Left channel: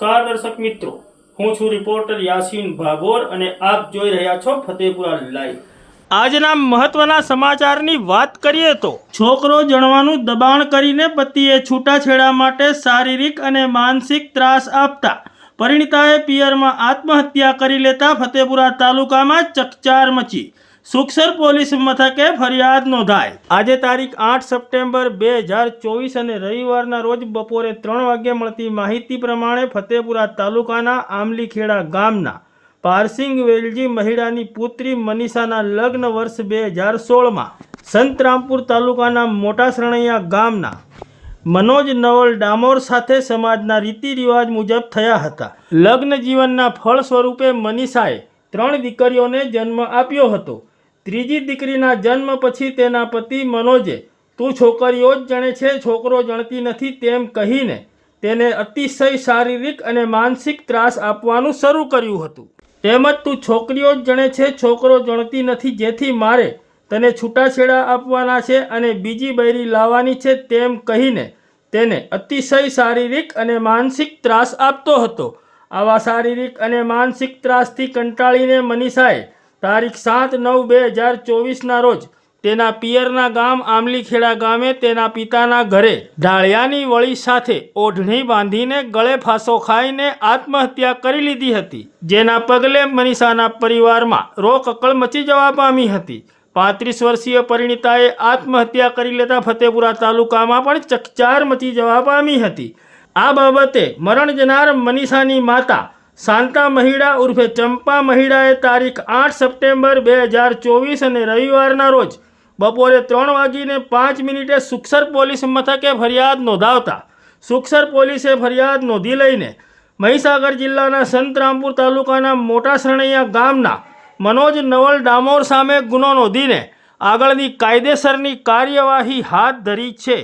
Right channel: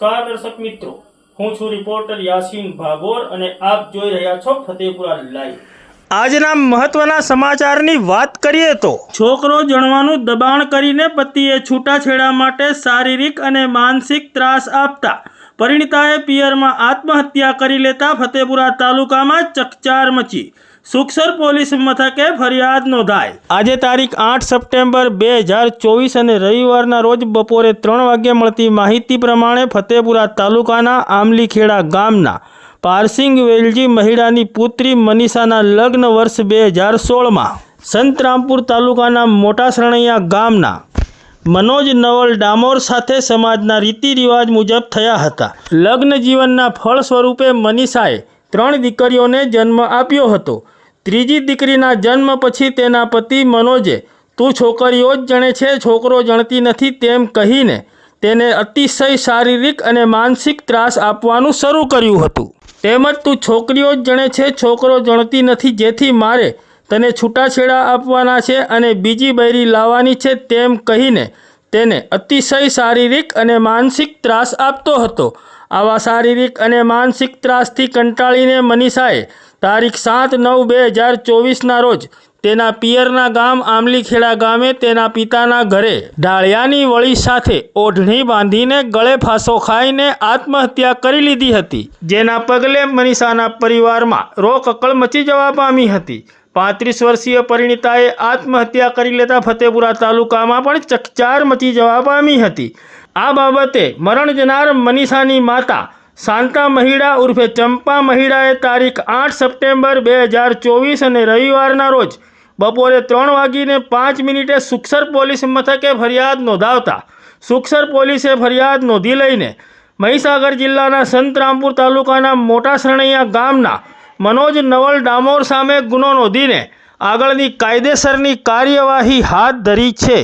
નમસ્કાર દર્શક મિત્રો, હું છું રિપોર્ટર યાસીન ભાગોર અને આપ જોઈ રહ્યા છો ફતેપુરા લાઈવ। આજના મહત્વના સમાચારની વાત કરીએ તો છોકરો જણવાનું દબાણ કરીને પતિએ છૂટાછેડા માટે શારીરિક અને માનસિક ત્રાસ આપતા પરિણીતાએ પિયરમાં આત્મહત્યા કરી લેતા ફતેપુરા તાલુકામાં ચકચાર મચી। સુખસર પોલીસ મથકે ફરિયાદ નોંધાઈ। આજે તારીખ 8 સપ્ટેમ્બર 2024 અને રવિવારના રોજ બપોરે 3 વાગ્યે મળતી માહિતી પ્રમાણે ફતેપુરા તાલુકાના આમલીખેડા ગામના પારસિંગ વેલજી મહિડાની પુત્રી મનીષાના લગ્ન વર્ષ 2016માં સંતરામપુર તાલુકાના મોટા સરણૈયા ગામના મનોજ નવલ ડામોર સાથે સમાજના રીતિ રિવાજ મુજબ થયા હતા। લગ્ન જીવનના ફળ સ્વરૂપે મનીષાએ 3 દીકરીઓને જન્મ આપ્યો હતો। ત્રીજી દીકરીના જન્મ પછી તેના પતિ મનોજે તું છોકરીઓ જ જણે છે, છોકરો જણતી નથી તેમ કહીને તેને અતિશય શારીરિક અને માનસિક ત્રાસ આપવાનું શરૂ કર્યું હતું। તેમજ તું છોકરીઓ જ જણે છે, છોકરો જણતી નથી, જેથી મારે તને છૂટાછેડા આપવાના છે અને બીજી બૈરી લાવવાની છે તેમ કહીને તેને અતિશય શારીરિક અને માનસિક ત્રાસ આપતો હતો। આવા શારીરિક અને માનસિક ત્રાસથી કંટાળીને મનીષાએ તારીખ 7/9/2024ના રોજ તેના પિયરના ગામ આમલીખેડા ગામે તેના પિતાના ઘરે ઢાળિયાની વળી સાથે ઓઢણી બાંધીને ગળે ફાંસો ખાઈને આત્મહત્યા કરી લીધી હતી, જેના પગલે મનીષાના પરિવારમાં રોકકળ મચી જવા પામી હતી। 35 વર્ષીય પરિણીતાએ આત્મહત્યા કરી લેતા ફતેપુરા તાલુકામાં પણ ચકચાર મચી જવા પામી હતી। આ બાબતે મરણ જનાર મનીષાની માતા શાંતા મહિડા ઉર્ફે ચંપા મહિડાએ તારીખ 8 સપ્ટેમ્બર 2024 અને રવિવારના રોજ બપોરે 3:05 સુખસર પોલીસ મથકે ફરિયાદ નોંધાવતા સુખસર પોલીસે ફરિયાદ નોંધી લઈને મહીસાગર જિલ્લાના સંતરામપુર તાલુકાના મોટા સરણૈયા ગામના મનોજ નવલ ડામોર સામે ગુનો નોંધીને આગળની કાયદેસરની કાર્યવાહી હાથ ધરી છે।